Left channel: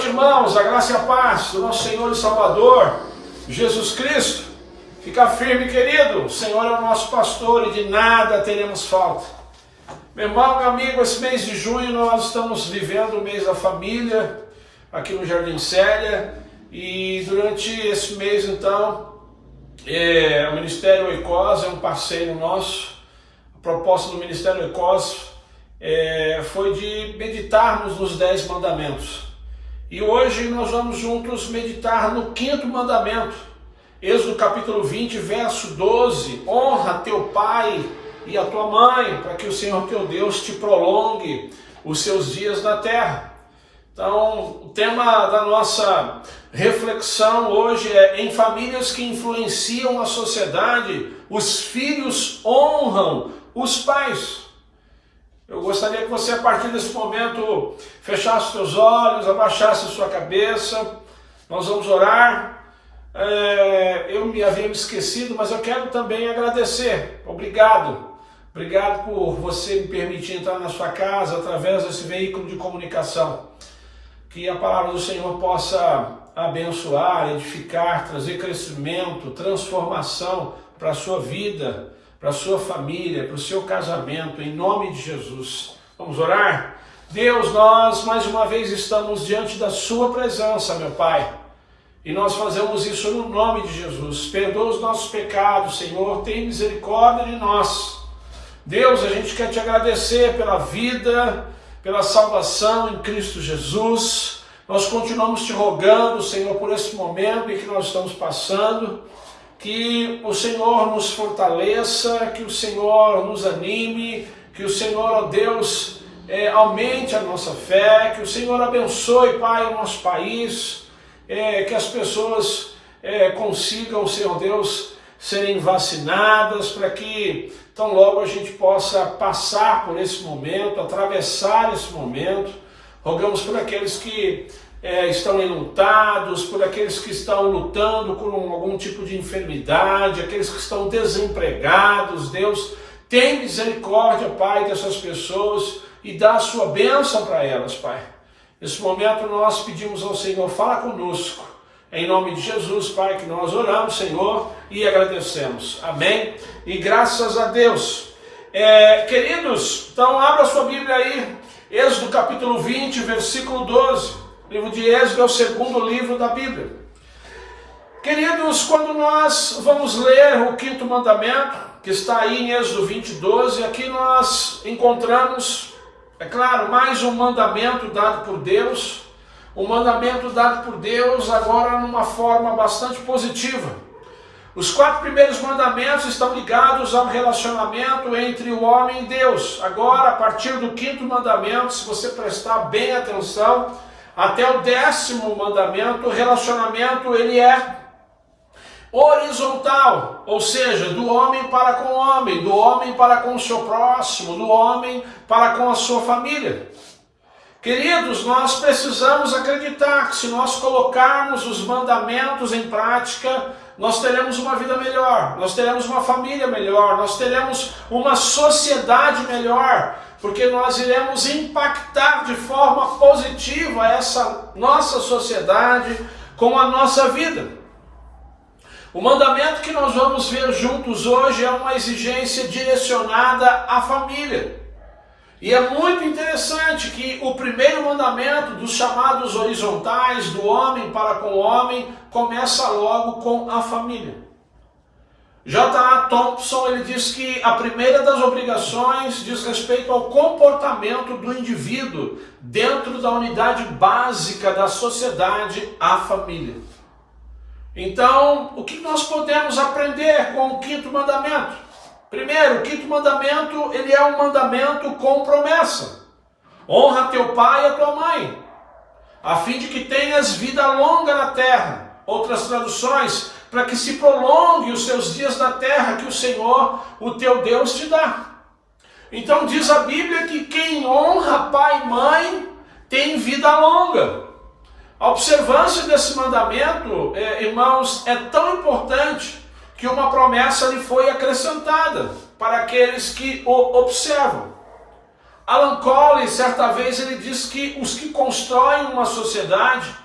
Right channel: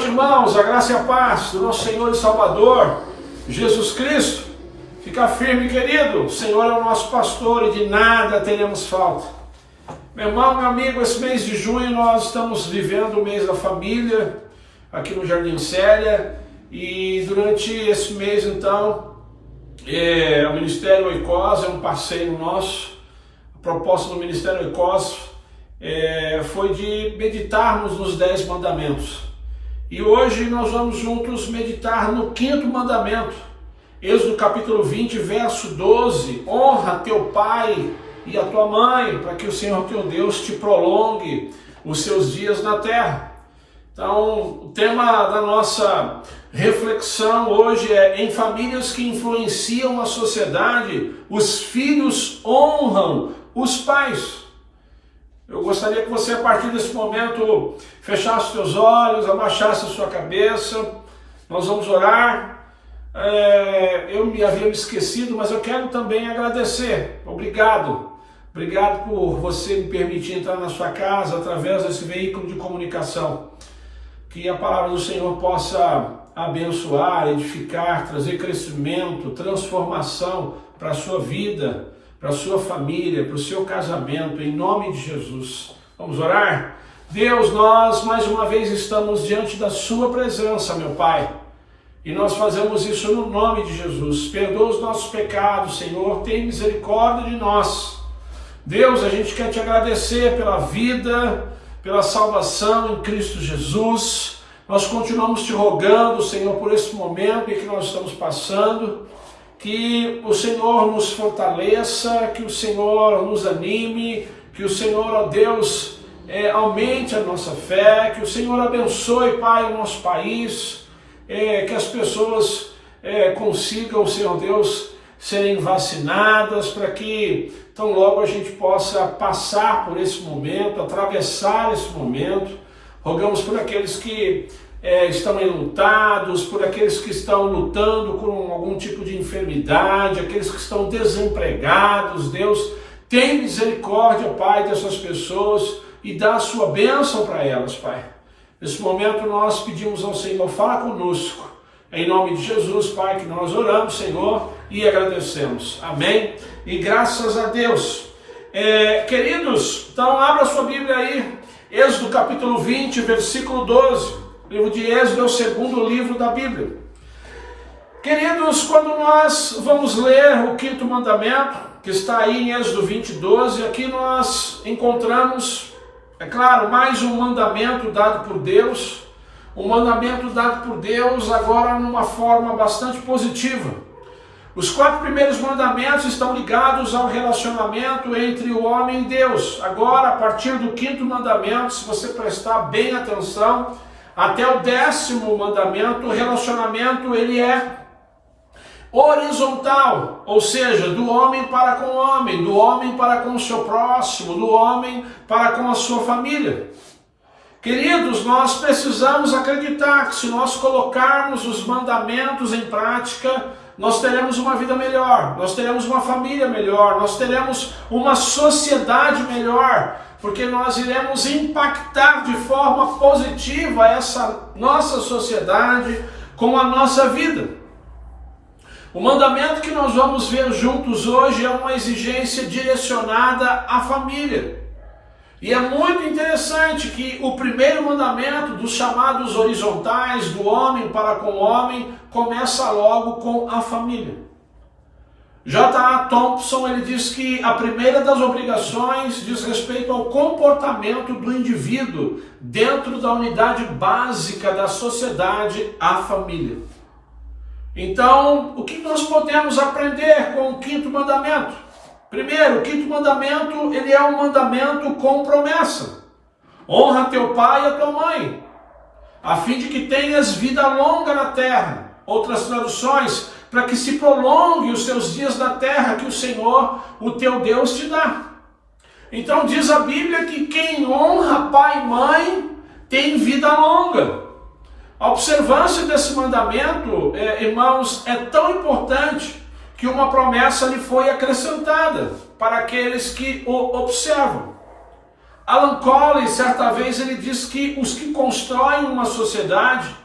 noite, irmãos, a graça e a paz do nosso Senhor e Salvador, Jesus Cristo. Fica firme, querido, o Senhor é o nosso pastor e de nada teremos falta. Meu irmão, meu amigo, esse mês de junho nós estamos vivendo o mês da família, aqui no Jardim Célia, e durante esse mês, então, o Ministério Oikos é um parceiro nosso. A proposta do Ministério Oikos foi de meditarmos nos 10 mandamentos. E hoje nós vamos juntos meditar no 5º mandamento. Êxodo capítulo 20, verso 12. Honra teu pai e a tua mãe, para que o Senhor teu Deus te prolongue os seus dias na terra. Então, o tema da nossa reflexão hoje é: em famílias que influenciam a sociedade, os filhos honram os pais. Eu gostaria que você, a partir desse momento, fechasse os seus olhos, abaixasse a sua cabeça. Nós vamos orar. Eu me havia me esquecido, mas eu quero também agradecer. Obrigado. Obrigado por você me permitir entrar na sua casa através desse veículo de comunicação. Que a palavra do Senhor possa abençoar, edificar, trazer crescimento, transformação para a sua vida, para a sua família, para o seu casamento, em nome de Jesus. Vamos orar? Deus, nós mais uma vez estamos diante da sua presença, meu Pai, e nós fazemos isso no nome de Jesus. Perdoa os nossos pecados, Senhor, tem misericórdia de nós. Deus, a gente quer te agradecer pela vida, pela salvação em Cristo Jesus. Nós continuamos te rogando, Senhor, por esse momento em que nós estamos passando, que o Senhor nos fortaleça, que o Senhor nos anime, que o Senhor, ó Deus, aumente a nossa fé, que o Senhor abençoe, Pai, o nosso país, que as pessoas consigam, Senhor Deus, serem vacinadas, para que tão logo a gente possa passar por esse momento, atravessar esse momento. Rogamos por aqueles que estão enlutados, por aqueles que estão lutando com algum tipo de enfermidade, aqueles que estão desempregados. Deus, tem misericórdia, Pai, dessas pessoas e dá a sua bênção para elas, Pai. Nesse momento nós pedimos ao Senhor, fala conosco. Em nome de Jesus, Pai, que nós oramos, Senhor, e agradecemos. Amém? E graças a Deus. Queridos, então abra sua Bíblia aí, Êxodo capítulo 20, versículo 12. O livro de Êxodo é o 2º livro da Bíblia. Queridos, quando nós vamos ler o 5º mandamento, que está aí em Êxodo 20, 12, aqui nós encontramos, é claro, mais um mandamento dado por Deus, um mandamento dado por Deus agora numa forma bastante positiva. Os 4 primeiros mandamentos estão ligados ao relacionamento entre o homem e Deus. Agora, a partir do 5º mandamento, se você prestar bem atenção, até o 10º mandamento, o relacionamento ele é horizontal, ou seja, do homem para com o homem, do homem para com o seu próximo, do homem para com a sua família. Queridos, nós precisamos acreditar que se nós colocarmos os mandamentos em prática, nós teremos uma vida melhor, nós teremos uma família melhor, nós teremos uma sociedade melhor, porque nós iremos impactar de forma positiva essa nossa sociedade com a nossa vida. O mandamento que nós vamos ver juntos hoje é uma exigência direcionada à família. E é muito interessante que o primeiro mandamento dos chamados horizontais, do homem para com o homem, começa logo com a família. J.A. Thompson, ele diz que a primeira das obrigações diz respeito ao comportamento do indivíduo dentro da unidade básica da sociedade, a família. Então, o que nós podemos aprender com o 5º mandamento? Primeiro, o 5º mandamento, ele é um mandamento com promessa. Honra teu pai e a tua mãe, a fim de que tenhas vida longa na terra. Outras traduções, para que se prolongue os seus dias na terra que o Senhor, o teu Deus, te dá. Então diz a Bíblia que quem honra pai e mãe tem vida longa. A observância desse mandamento, irmãos, é tão importante que uma promessa lhe foi acrescentada para aqueles que o observam. Alan Collins, certa vez, ele diz que os que constroem uma sociedade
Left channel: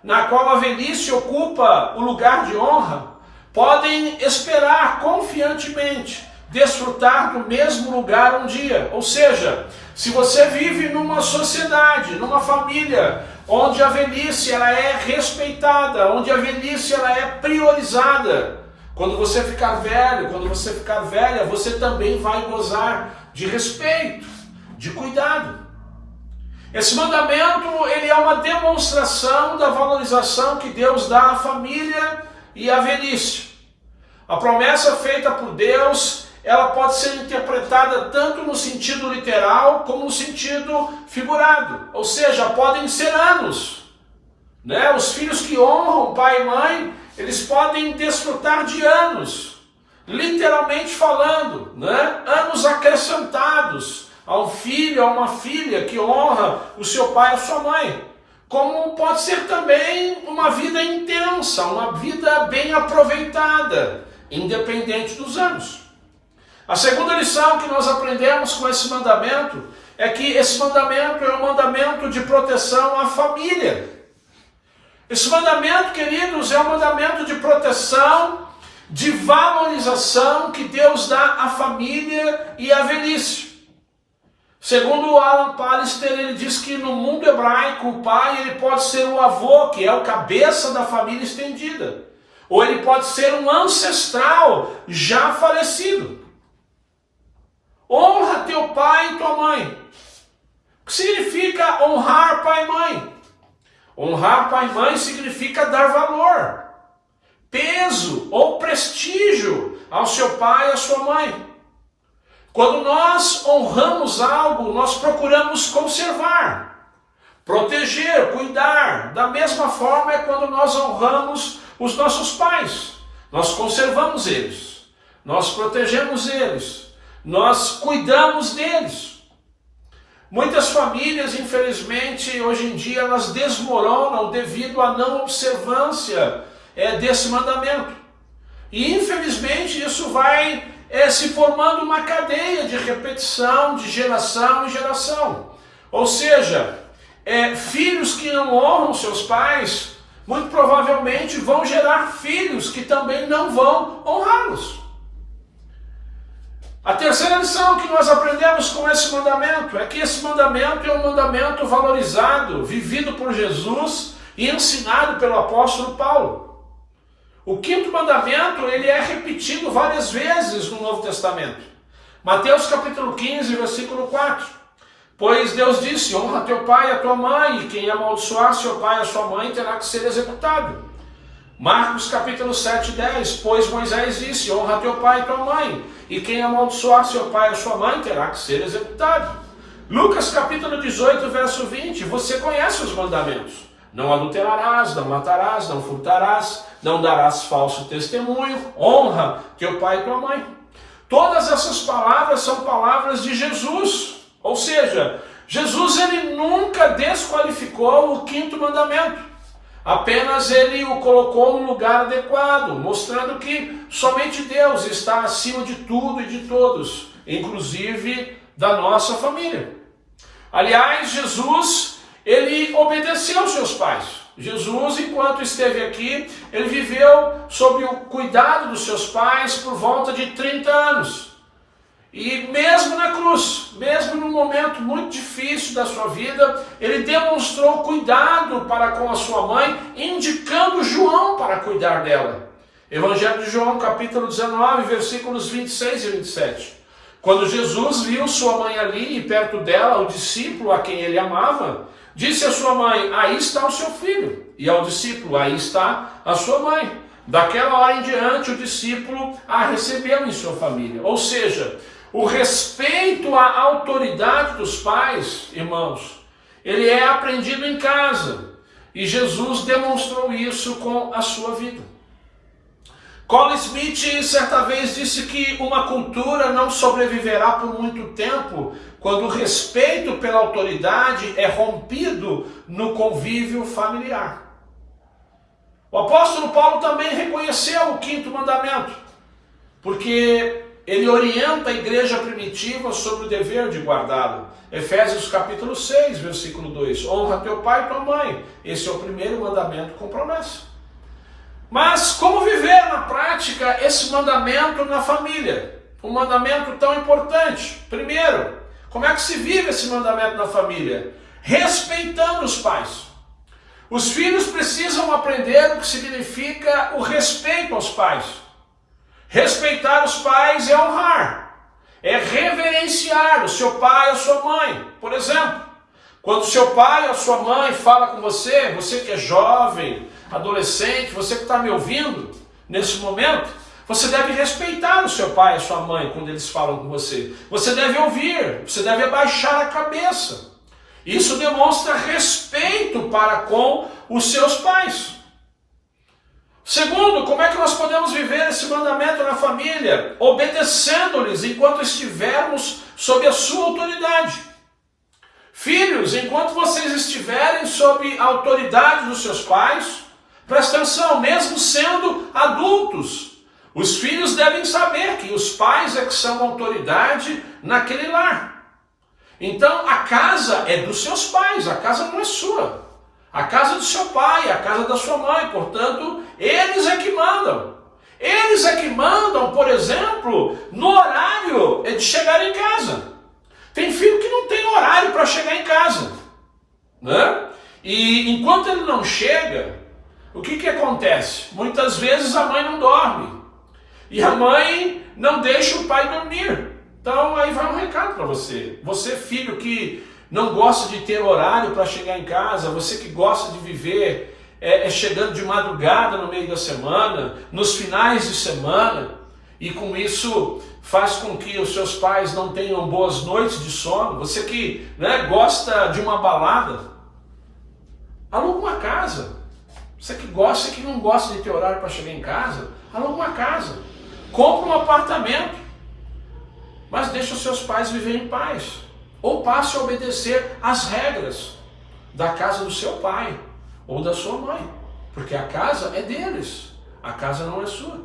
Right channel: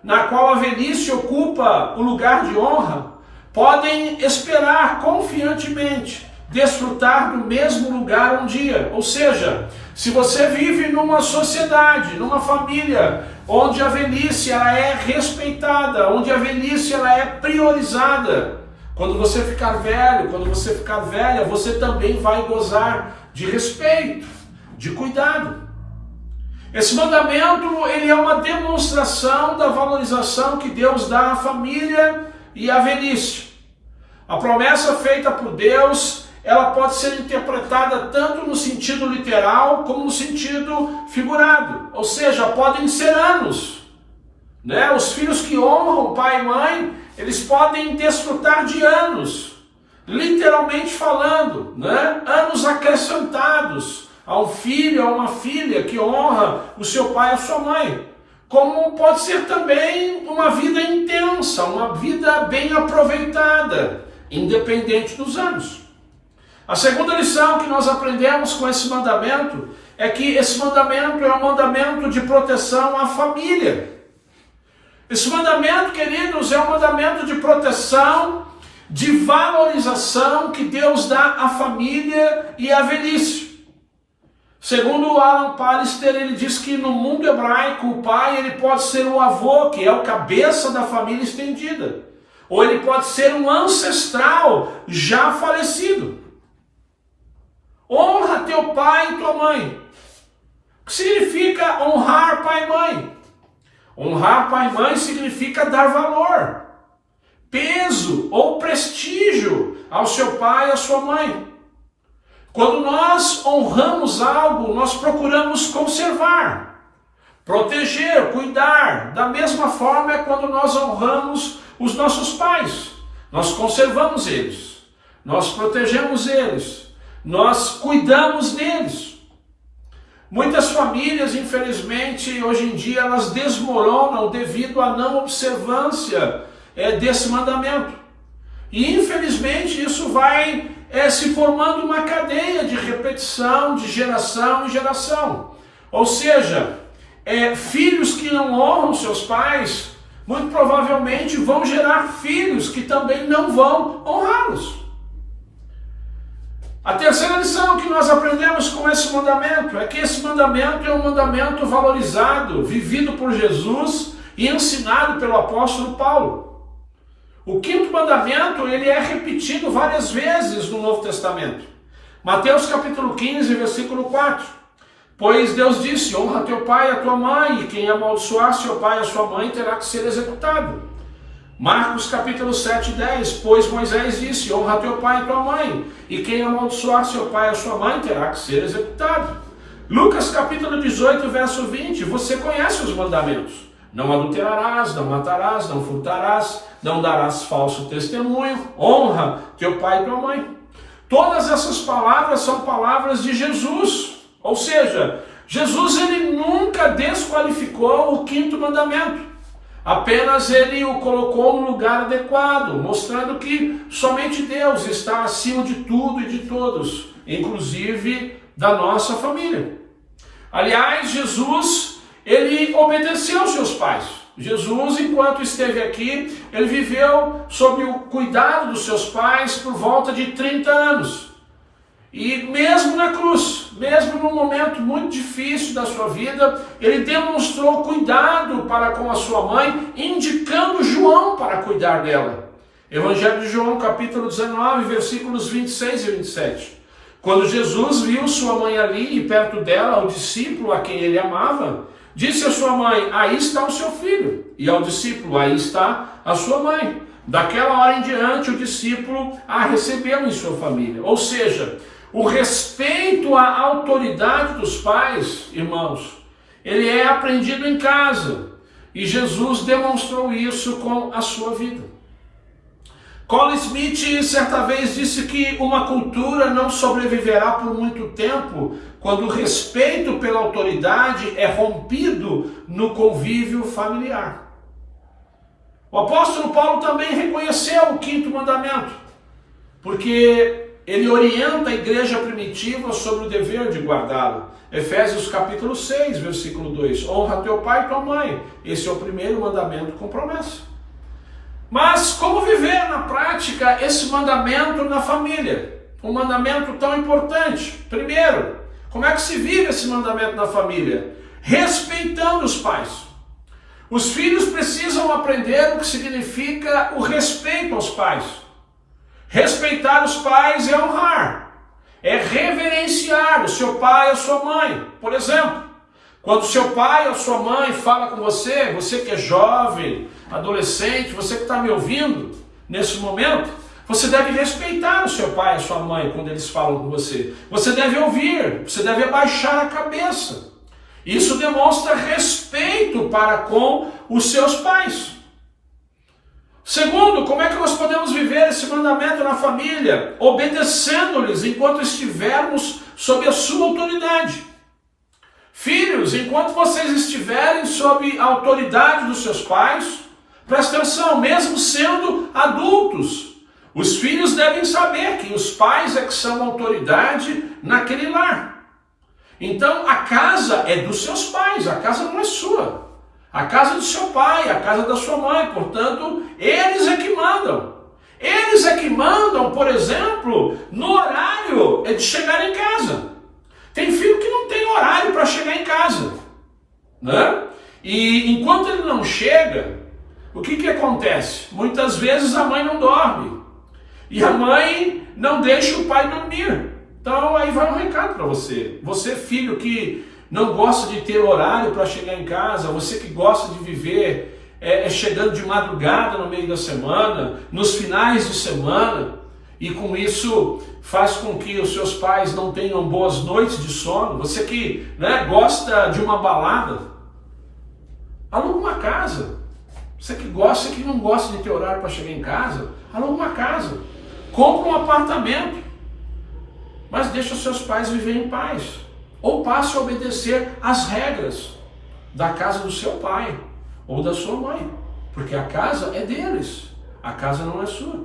na qual a velhice ocupa o lugar de honra, podem esperar confiantemente desfrutar do mesmo lugar um dia. Ou seja, se você vive numa sociedade, numa família, onde a velhice ela é respeitada, onde a velhice ela é priorizada, quando você ficar velho, quando você ficar velha, você também vai gozar de respeito, de cuidado. Esse mandamento, ele é uma demonstração da valorização que Deus dá à família e à velhice. A promessa feita por Deus, ela pode ser interpretada tanto no sentido literal como no sentido figurado. Ou seja, podem ser anos, né? Os filhos que honram pai e mãe, eles podem desfrutar de anos, literalmente falando, né? Anos acrescentados a um filho, a uma filha que honra o seu pai e a sua mãe. Como pode ser também uma vida intensa, uma vida bem aproveitada, independente dos anos. A segunda lição que nós aprendemos com esse mandamento é que esse mandamento é um mandamento de proteção à família. Esse mandamento, queridos, é um mandamento de proteção, de valorização que Deus dá à família e à velhice. Segundo Alan Pallister, ele diz que no mundo hebraico o pai ele pode ser o avô, que é o cabeça da família estendida. Ou ele pode ser um ancestral já falecido. Honra teu pai e tua mãe. O que significa honrar pai e mãe? Honrar pai e mãe significa dar valor, peso ou prestígio ao seu pai e à sua mãe. Quando nós honramos algo, nós procuramos conservar, proteger, cuidar. Da mesma forma é quando nós honramos os nossos pais. Nós conservamos eles, nós protegemos eles, nós cuidamos deles. Muitas famílias, infelizmente, hoje em dia, elas desmoronam devido à não observância desse mandamento. E, infelizmente, isso vai se formando uma cadeia de repetição de geração em geração. Ou seja, filhos que não honram seus pais, muito provavelmente vão gerar filhos que também não vão honrá-los. A terceira lição que nós aprendemos com esse mandamento é que esse mandamento é um mandamento valorizado, vivido por Jesus e ensinado pelo apóstolo Paulo. O quinto mandamento, ele é repetido várias vezes no Novo Testamento. Mateus capítulo 15, versículo 4. Pois Deus disse, honra teu pai e a tua mãe, e quem amaldiçoar seu pai e a sua mãe terá que ser executado. Marcos capítulo 7, 10. Pois Moisés disse, honra teu pai e tua mãe, e quem amaldiçoar seu pai e a sua mãe terá que ser executado. Lucas capítulo 18, verso 20. Você conhece os mandamentos. Não adulterarás, não matarás, não furtarás, não darás falso testemunho, honra teu pai e tua mãe. Todas essas palavras são palavras de Jesus. Ou seja, Jesus ele nunca desqualificou o quinto mandamento. Apenas ele o colocou no lugar adequado, mostrando que somente Deus está acima de tudo e de todos, inclusive da nossa família. Aliás, Jesus ele obedeceu aos seus pais. Jesus, enquanto esteve aqui, ele viveu sob o cuidado dos seus pais por volta de 30 anos. E mesmo na cruz, mesmo num momento muito difícil da sua vida, ele demonstrou cuidado para com a sua mãe, indicando João para cuidar dela. Evangelho de João, capítulo 19, versículos 26 e 27. Quando Jesus viu sua mãe ali e perto dela o discípulo a quem ele amava, disse à sua mãe, aí está o seu filho. E ao discípulo, aí está a sua mãe. Daquela hora em diante, o discípulo a recebeu em sua família. Ou seja, o respeito à autoridade dos pais, irmãos, ele é aprendido em casa. E Jesus demonstrou isso com a sua vida. Colin Smith certa vez disse que uma cultura não sobreviverá por muito tempo quando o respeito pela autoridade é rompido no convívio familiar. O apóstolo Paulo também reconheceu o quinto mandamento, porque ele orienta a igreja primitiva sobre o dever de guardá-lo. Efésios capítulo 6, versículo 2. Honra teu pai e tua mãe. Esse é o primeiro mandamento com promessa. Mas como viver na prática esse mandamento na família? Um mandamento tão importante. Primeiro, como é que se vive esse mandamento na família? Respeitando os pais. Os filhos precisam aprender o que significa o respeito aos pais. Respeitar os pais é honrar, é reverenciar o seu pai ou sua mãe. Por exemplo, quando seu pai ou sua mãe fala com você, você que é jovem, adolescente, você que está me ouvindo nesse momento, você deve respeitar o seu pai e a sua mãe quando eles falam com você. Você deve ouvir, você deve abaixar a cabeça. Isso demonstra respeito para com os seus pais. Segundo, como é que nós podemos viver esse mandamento na família? Obedecendo-lhes enquanto estivermos sob a sua autoridade. Filhos, enquanto vocês estiverem sob a autoridade dos seus pais, presta atenção, mesmo sendo adultos, os filhos devem saber que os pais é que são autoridade naquele lar. Então, a casa é dos seus pais, a casa não é sua. A casa do seu pai, a casa da sua mãe, portanto, eles é que mandam. Eles é que mandam, por exemplo, no horário de chegar em casa. Tem filho que não tem horário para chegar em casa, né? E enquanto ele não chega, o que acontece? Muitas vezes a mãe não dorme. E a mãe não deixa o pai dormir. Então aí vai um recado para você. Você, filho que não gosta de ter horário para chegar em casa, você que gosta de viver chegando de madrugada no meio da semana, nos finais de semana, e com isso faz com que os seus pais não tenham boas noites de sono. Você que, né, gosta de uma balada, aluga uma casa. Você que gosta, que não gosta de ter horário para chegar em casa, aluga uma casa. Compra um apartamento. Mas deixa os seus pais viver em paz. Ou passe a obedecer às regras da casa do seu pai ou da sua mãe. Porque a casa é deles. A casa não é sua.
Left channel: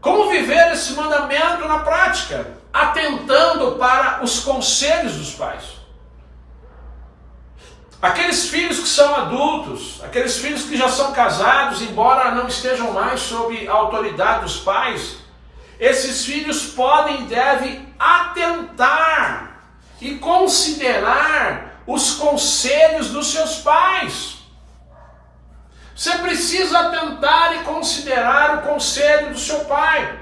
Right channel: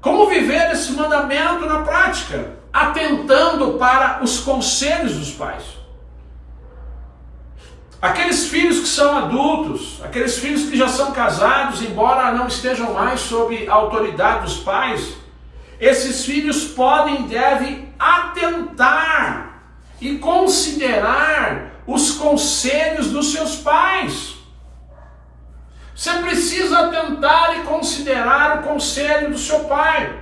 Como viver esse mandamento na prática? Atentando para os conselhos dos pais. Aqueles filhos que são adultos, aqueles filhos que já são casados, embora não estejam mais sob a autoridade dos pais, esses filhos podem e devem atentar e considerar os conselhos dos seus pais. Você precisa atentar e considerar o conselho do seu pai.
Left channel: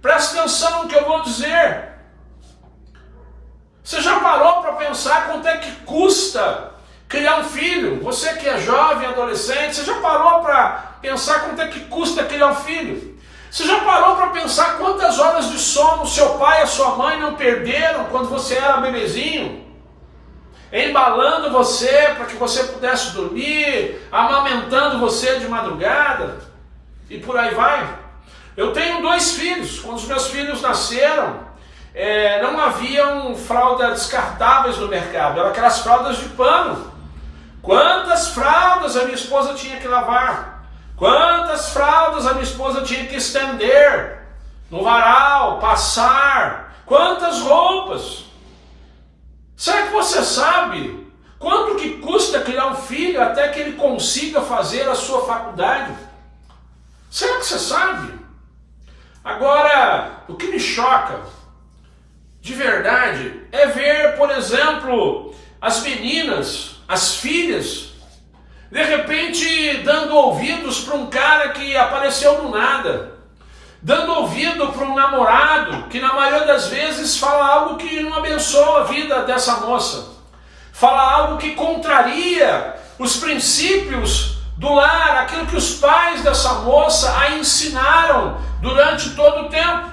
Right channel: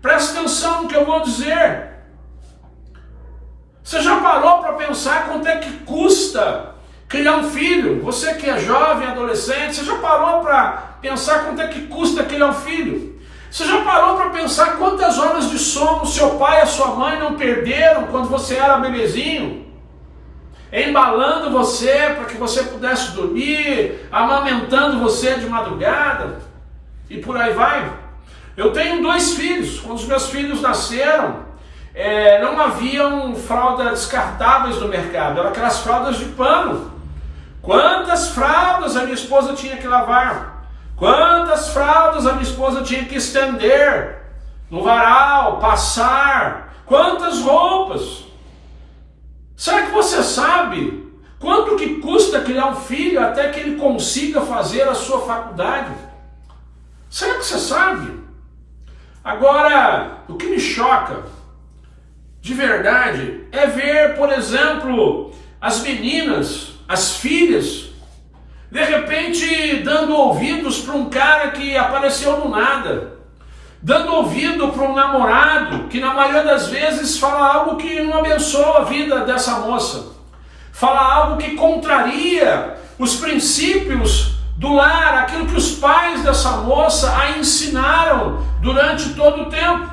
Presta atenção no que eu vou dizer. Você já parou para pensar quanto é que custa criar um filho? Você que é jovem, adolescente, você já parou para pensar quanto é que custa criar um filho? Você já parou para pensar quantas horas de sono seu pai e a sua mãe não perderam quando você era bebezinho? Embalando você para que você pudesse dormir, amamentando você de madrugada, e por aí vai. Eu tenho 2 filhos. Quando os meus filhos nasceram, não haviam fraldas descartáveis no mercado, eram aquelas fraldas de pano. Quantas fraldas a minha esposa tinha que lavar? Quantas fraldas a minha esposa tinha que estender no varal, passar? Quantas roupas? Será que você sabe quanto que custa criar um filho até que ele consiga fazer a sua faculdade? Será que você sabe? Agora, o que me choca, de verdade, é ver, por exemplo, as meninas, as filhas, de repente dando ouvidos para um cara que apareceu do nada, dando ouvido para um namorado que na maioria das vezes fala algo que não abençoa a vida dessa moça, fala algo que contraria os princípios do lar, aquilo que os pais dessa moça a ensinaram durante todo o tempo.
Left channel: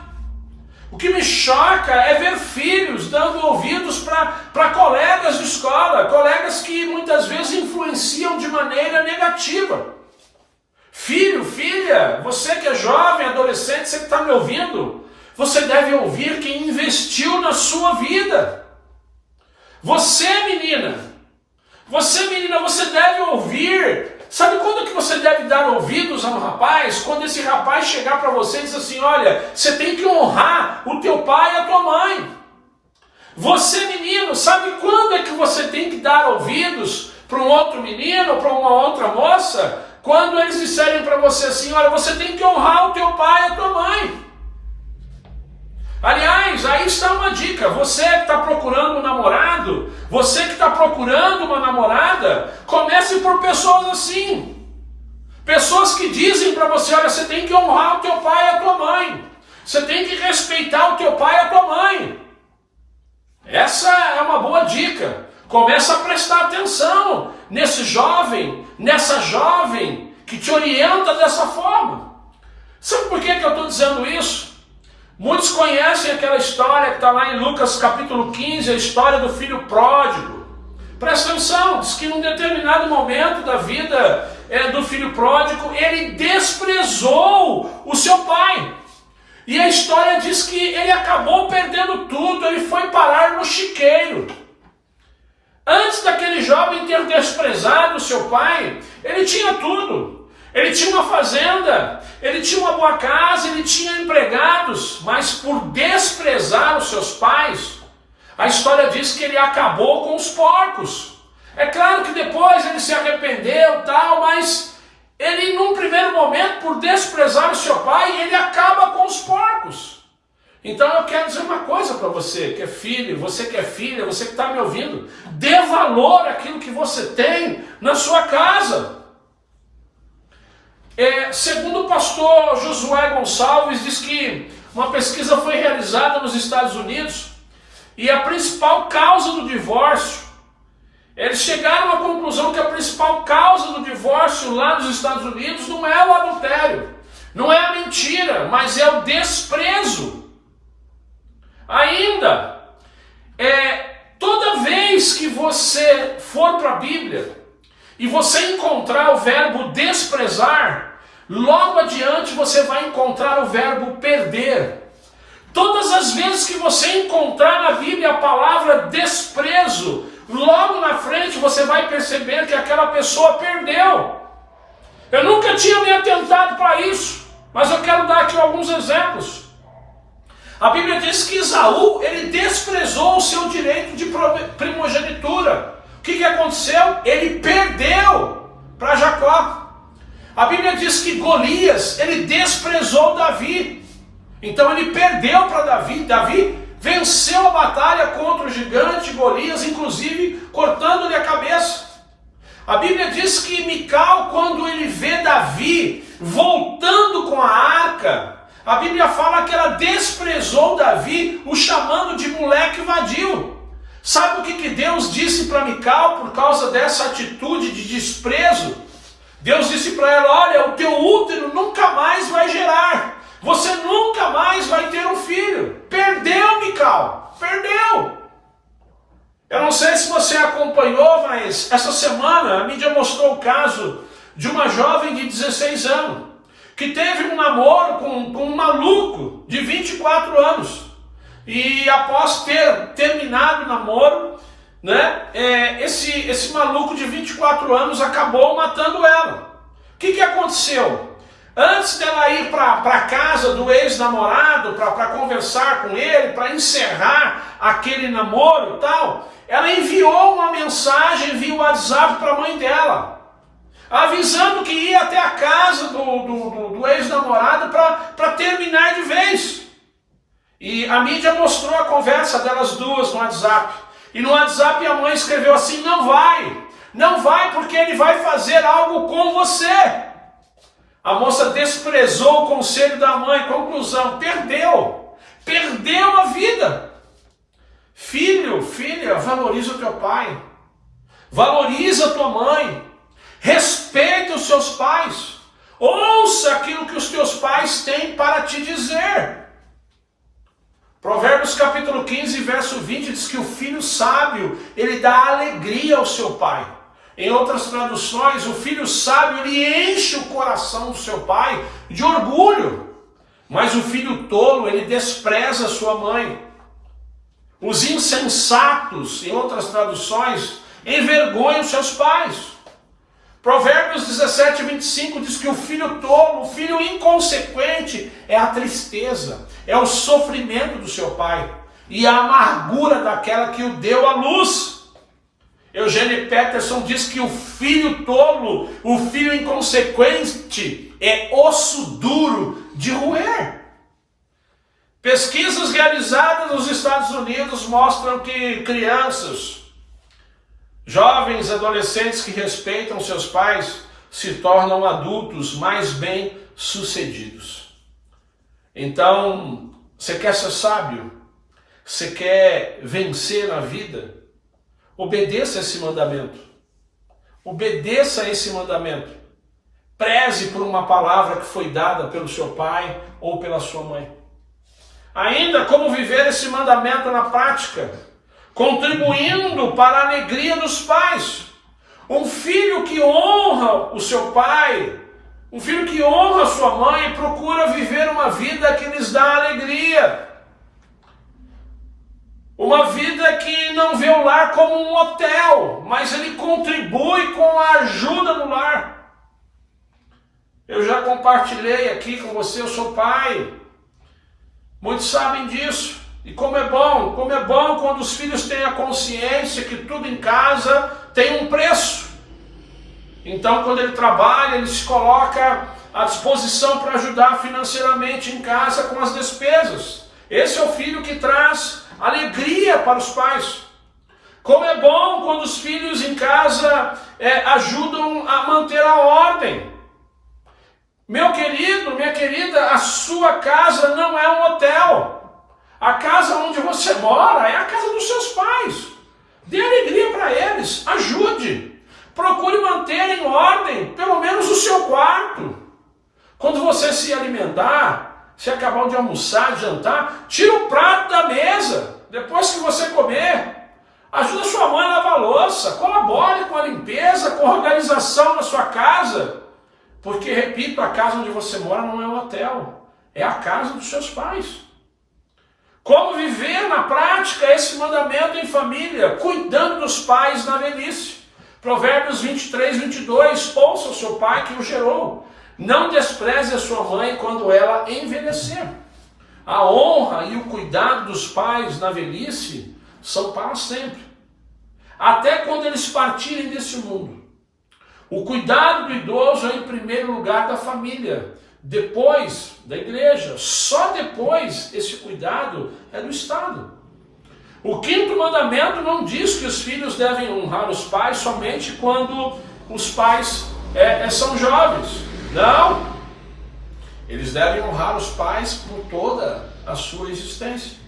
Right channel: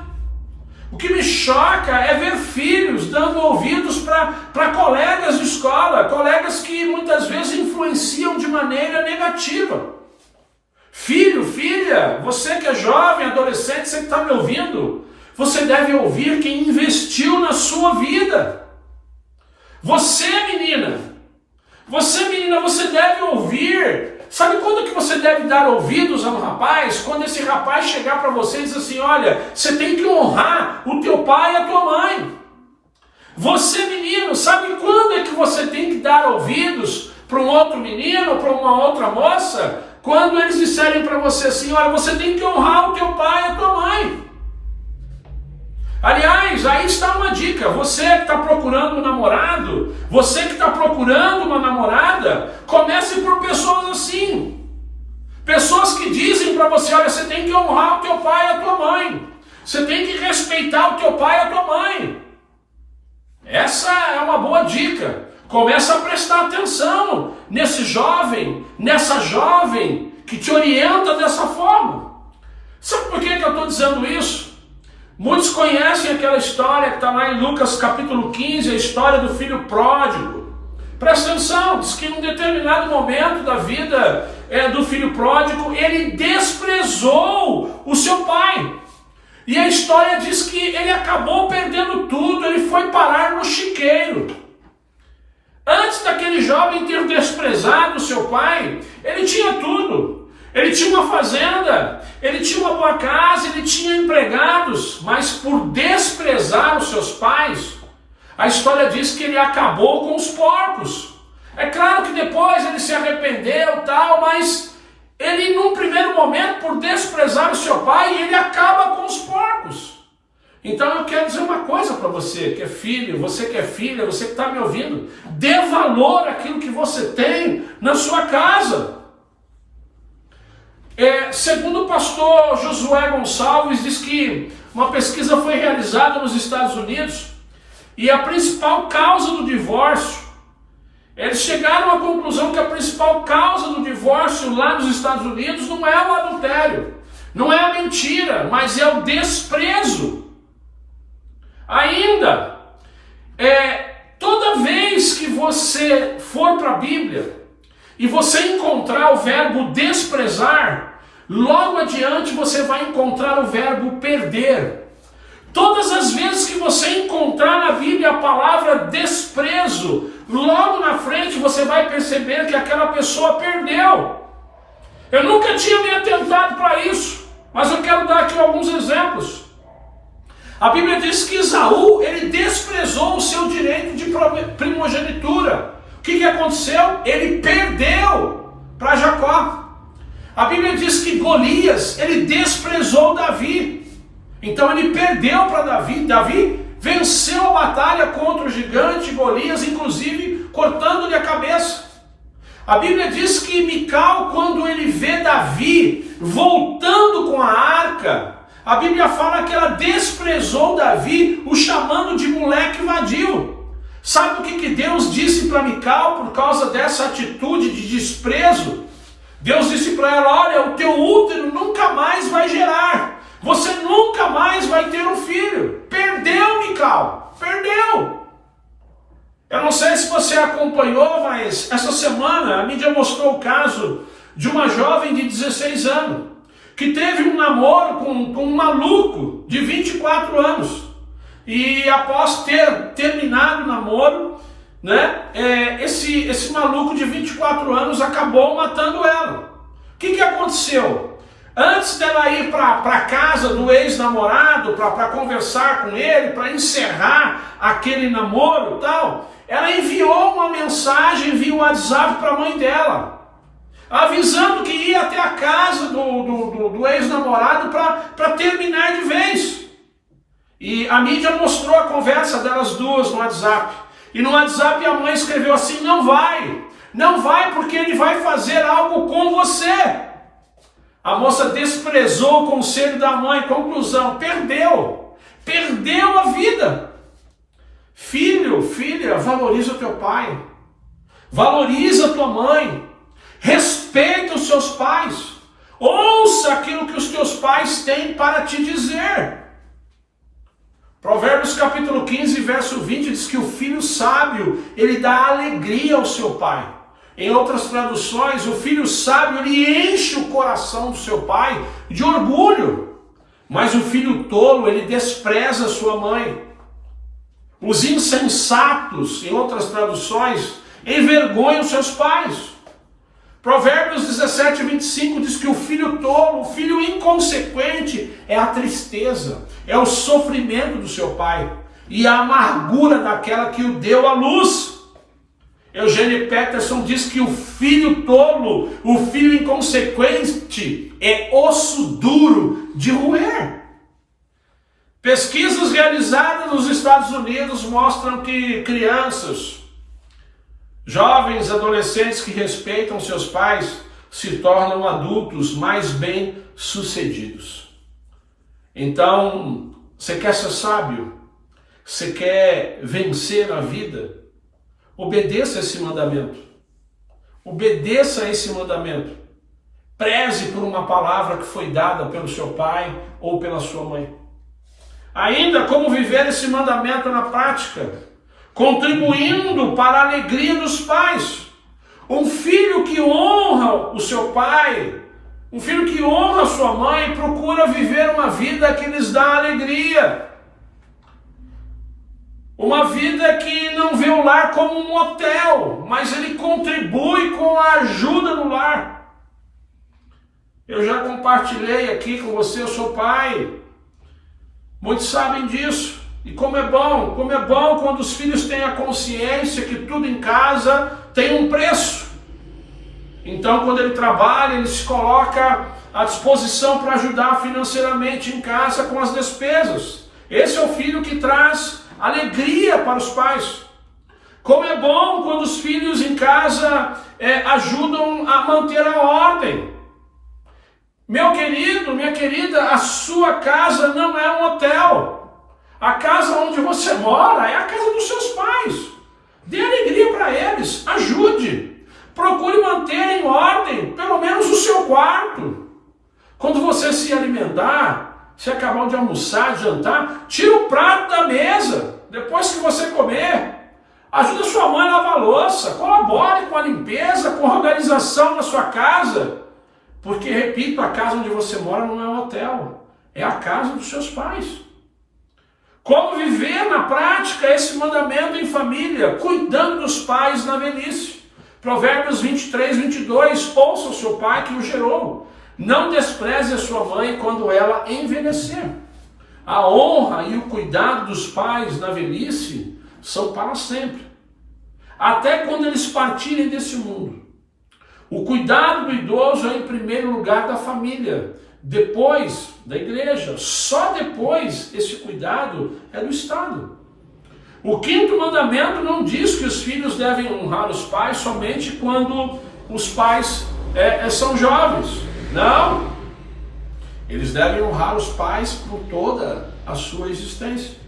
O que me choca é ver filhos dando ouvidos para colegas de escola, colegas que muitas vezes influenciam de maneira negativa. Filho, filha, você que é jovem, adolescente, você que está me ouvindo, você deve ouvir quem investiu na sua vida. Você, menina, você deve ouvir Sabe quando que você deve dar ouvidos a um rapaz? Quando esse rapaz chegar para você e dizer assim, olha, você tem que honrar o teu pai e a tua mãe. Você, menino, sabe quando é que você tem que dar ouvidos para um outro menino, para uma outra moça? Quando eles disserem para você assim, olha, você tem que honrar o teu pai e a tua mãe. Aliás, aí está uma dica, você que está procurando um namorado, você que está procurando uma namorada, comece por pessoas assim. Pessoas que dizem para você, olha, você tem que honrar o teu pai e a tua mãe. Você tem que respeitar o teu pai e a tua mãe. Essa é uma boa dica. Começa a prestar atenção nesse jovem, nessa jovem que te orienta dessa forma. Sabe por que eu estou dizendo isso? Muitos conhecem aquela história que está lá em Lucas capítulo 15, a história do filho pródigo. Presta atenção, diz que em um determinado momento da vida do filho pródigo, ele desprezou o seu pai. E a história diz que ele acabou perdendo tudo, ele foi parar no chiqueiro. Antes daquele jovem ter desprezado o seu pai, ele tinha tudo. Ele tinha uma fazenda, ele tinha uma boa casa, ele tinha empregados, mas por desprezar os seus pais, a história diz que ele acabou com os porcos. É claro que depois ele se arrependeu, tal, mas ele, num primeiro momento, por desprezar o seu pai, ele acaba com os porcos. Então eu quero dizer uma coisa para você que é filho, você que é filha, você que está me ouvindo, dê valor àquilo que você tem na sua casa. Segundo o pastor Josué Gonçalves, diz que uma pesquisa foi realizada nos Estados Unidos e a principal causa do divórcio, eles chegaram à conclusão que a principal causa do divórcio lá nos Estados Unidos não é o adultério, não é a mentira, mas é o desprezo. Ainda, toda vez que você for para a Bíblia e você encontrar o verbo desprezar, logo adiante você vai encontrar o verbo perder. Todas as vezes que você encontrar na Bíblia a palavra desprezo, logo na frente você vai perceber que aquela pessoa perdeu. Eu nunca tinha me atentado para isso, mas eu quero dar aqui alguns exemplos. A Bíblia diz que Esaú, ele desprezou o seu direito de primogenitura. O que aconteceu? Ele perdeu para Jacó. A Bíblia diz que Golias, ele desprezou Davi. Então ele perdeu para Davi. Davi venceu a batalha contra o gigante Golias, inclusive cortando-lhe a cabeça. A Bíblia diz que Mical, quando ele vê Davi voltando com a arca, a Bíblia fala que ela desprezou Davi, o chamando de moleque vadio. Sabe o que Deus disse para Mical por causa dessa atitude de desprezo? Deus disse para ela, olha, o teu útero nunca mais vai gerar. Você nunca mais vai ter um filho. Perdeu, Mical. Perdeu. Eu não sei se você acompanhou, mas essa semana a mídia mostrou o caso de uma jovem de 16 anos que teve um namoro com um maluco de 24 anos. E após ter terminado o namoro, esse maluco de 24 anos acabou matando ela. O que aconteceu? Antes dela ir para a casa do ex-namorado, para conversar com ele, para encerrar aquele namoro e tal, ela enviou uma mensagem via WhatsApp para a mãe dela, avisando que ia até a casa do ex-namorado para terminar de vez. E a mídia mostrou a conversa delas duas no WhatsApp. E no WhatsApp a mãe escreveu assim, não vai porque ele vai fazer algo com você. A moça desprezou o conselho da mãe, conclusão, perdeu a vida. Filho, filha, valoriza o teu pai, valoriza a tua mãe, respeita os seus pais, ouça aquilo que os teus pais têm para te dizer. Provérbios capítulo 15, verso 20 diz que o filho sábio, ele dá alegria ao seu pai. Em outras traduções, o filho sábio, ele enche o coração do seu pai de orgulho. Mas o filho tolo, ele despreza a sua mãe. Os insensatos, em outras traduções, envergonham seus pais. Provérbios 17, 25 diz que o filho tolo, o filho inconsequente é a tristeza, é o sofrimento do seu pai e a amargura daquela que o deu à luz. Eugênio Peterson diz que o filho tolo, o filho inconsequente, é osso duro de roer. Pesquisas realizadas nos Estados Unidos mostram que crianças, jovens, adolescentes que respeitam seus pais se tornam adultos mais bem-sucedidos. Então, você quer ser sábio? Você quer vencer a vida? Obedeça esse mandamento. Obedeça esse mandamento. Preze por uma palavra que foi dada pelo seu pai ou pela sua mãe. Ainda como viver esse mandamento na prática, contribuindo para a alegria dos pais. Um filho que honra o seu pai, um filho que honra a sua mãe, procura viver uma vida que lhes dá alegria. Uma vida que não vê o lar como um hotel, mas ele contribui com a ajuda no lar. Eu já compartilhei aqui com você, eu sou pai. Muitos sabem disso. E como é bom quando os filhos têm a consciência que tudo em casa tem um preço. Então, quando ele trabalha, ele se coloca à disposição para ajudar financeiramente em casa com as despesas. Esse é o filho que traz alegria para os pais. Como é bom quando os filhos em casa ajudam a manter a ordem. Meu querido, minha querida, a sua casa não é um hotel. A casa onde você mora é a casa dos seus pais. Dê alegria para eles, ajude. Procure manter em ordem, pelo menos o seu quarto. Quando você se alimentar, se acabar de almoçar, de jantar, tira o prato da mesa. Depois que você comer, ajuda sua mãe a lavar a louça. Colabore com a limpeza, com a organização na sua casa. Porque, repito, a casa onde você mora não é um hotel. É a casa dos seus pais. Como viver na prática esse mandamento em família, cuidando dos pais na velhice. Provérbios 23, 22, ouça o seu pai que o gerou. Não despreze a sua mãe quando ela envelhecer. A honra e o cuidado dos pais na velhice são para sempre. Até quando eles partirem desse mundo. O cuidado do idoso é em primeiro lugar da família, depois da igreja. Só depois esse cuidado é do Estado. O quinto mandamento não diz que os filhos devem honrar os pais somente quando os pais são jovens. Não. Eles devem honrar os pais por toda a sua existência.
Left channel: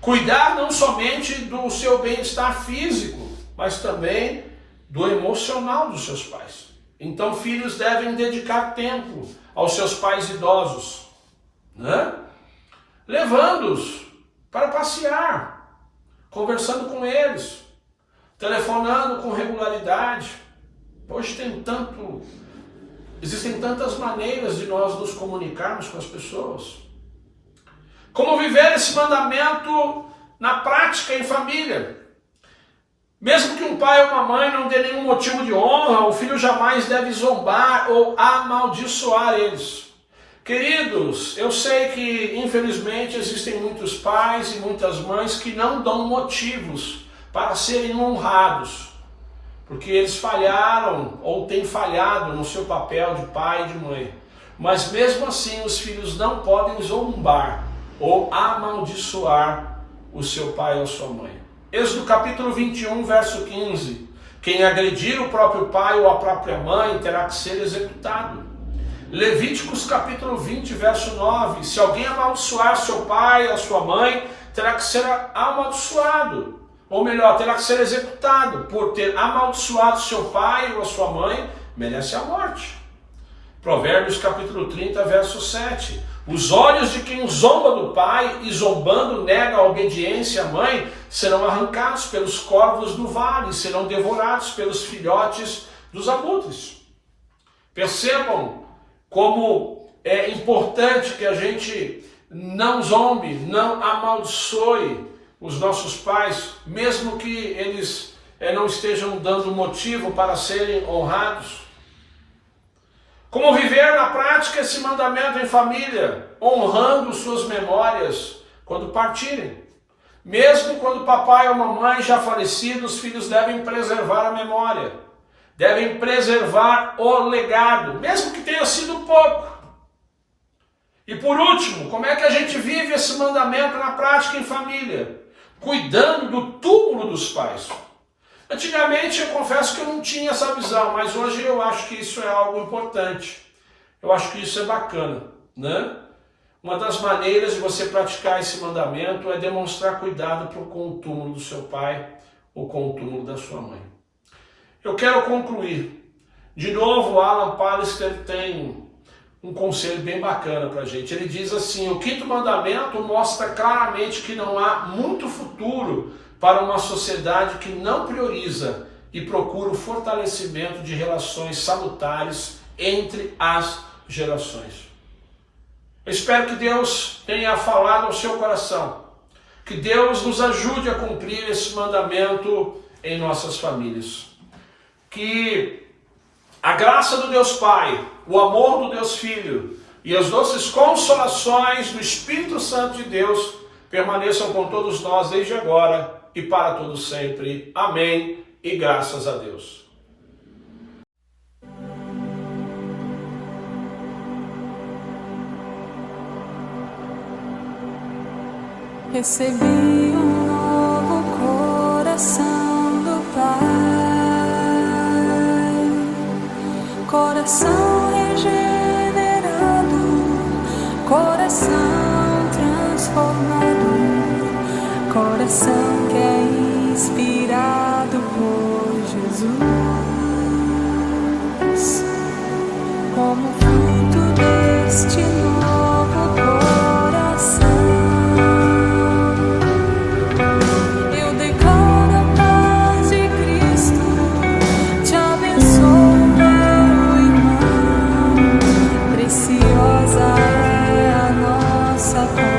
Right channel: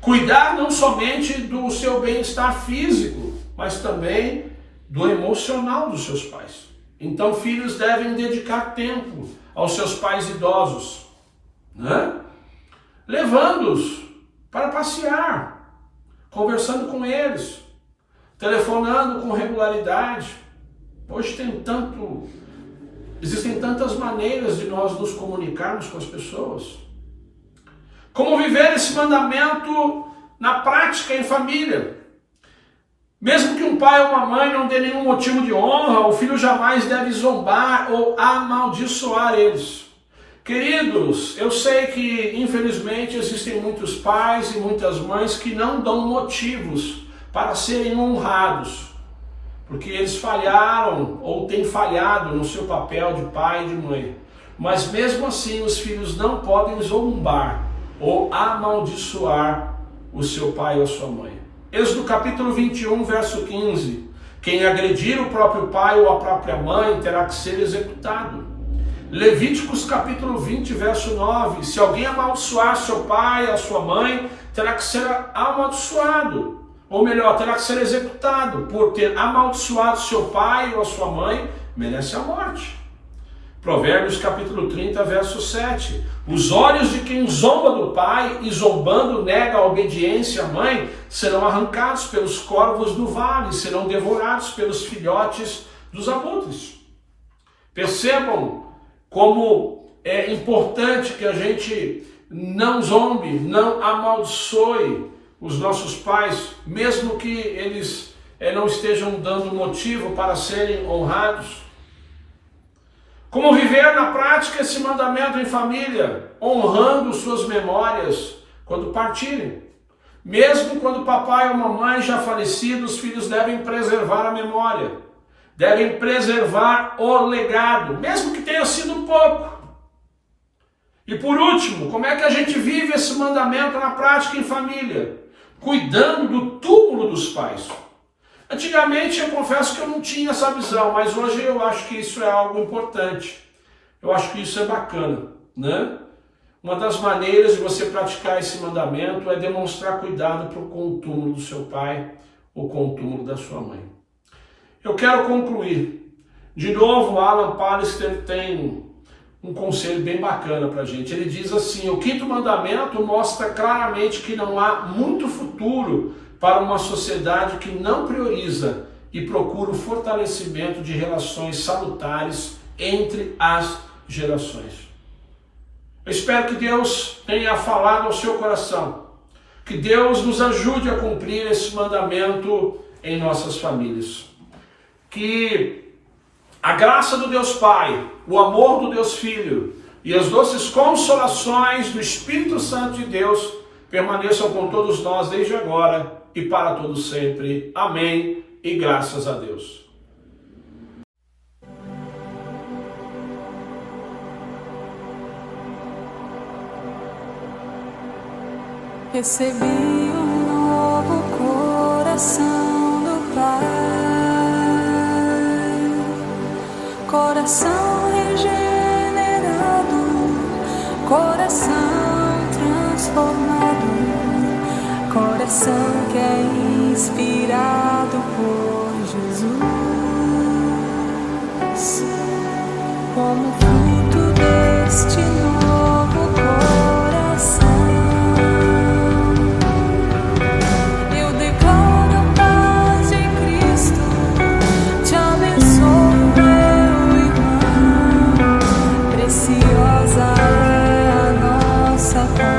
Cuidar não somente do seu bem-estar físico, mas também do emocional dos seus pais. Então, filhos devem dedicar tempo aos seus pais idosos, né? Levando-os para passear, conversando com eles, telefonando com regularidade. Hoje existem tantas maneiras de nós nos comunicarmos com as pessoas. Como viver esse mandamento na prática em família? Mesmo que um pai ou uma mãe não dê nenhum motivo de honra, o filho jamais deve zombar ou amaldiçoar eles. Queridos, eu sei que infelizmente existem muitos pais e muitas mães que não dão motivos para serem honrados, porque eles falharam ou têm falhado no seu papel de pai e de mãe. Mas mesmo assim os filhos não podem zombar ou amaldiçoar o seu pai ou sua mãe. Êxodo capítulo 21, verso 15. Quem agredir o próprio pai ou a própria mãe terá que ser executado. Levíticos capítulo 20, verso 9. Se alguém amaldiçoar seu pai ou a sua mãe, terá que ser amaldiçoado. Ou melhor, terá que ser executado. Por ter amaldiçoado seu pai ou a sua mãe, merece a morte. Provérbios capítulo 30, verso 7. Os olhos de quem zomba do pai e zombando nega a obediência à mãe serão arrancados pelos corvos do vale, serão devorados pelos filhotes dos abutres. Percebam como é importante que a gente não zombe, não amaldiçoe os nossos pais, mesmo que eles não estejam dando motivo para serem honrados. Como viver na prática esse mandamento em família, honrando suas memórias quando partirem. Mesmo quando papai ou mamãe já falecidos, os filhos devem preservar a memória, devem preservar o legado, mesmo que tenha sido pouco. E por último, como é que a gente vive esse mandamento na prática em família? Cuidando do túmulo dos pais. Antigamente eu confesso que eu não tinha essa visão, mas hoje eu acho que isso é algo importante. Eu acho que isso é bacana, né? Uma das maneiras de você praticar esse mandamento é demonstrar cuidado com o túmulo do seu pai ou com o túmulo da sua mãe. Eu quero concluir. De novo, Alan Pallister tem um conselho bem bacana para a gente. Ele diz assim: o quinto mandamento mostra claramente que não há muito futuro para uma sociedade que não prioriza e procura o fortalecimento de relações salutares entre as gerações. Eu espero que Deus tenha falado ao seu coração, que Deus nos ajude a cumprir esse mandamento em nossas famílias, que a graça do Deus Pai, o amor do Deus Filho e as doces consolações do Espírito Santo de Deus permaneçam com todos nós desde agora e para todo sempre. Amém e graças a Deus. Recebi um novo coração do Pai, coração regenerado, coração transformado, coração que é inspirado por Jesus. Como fruto deste novo coração, eu declaro a paz de Cristo, te abençoo, meu irmão, preciosa é a nossa paz.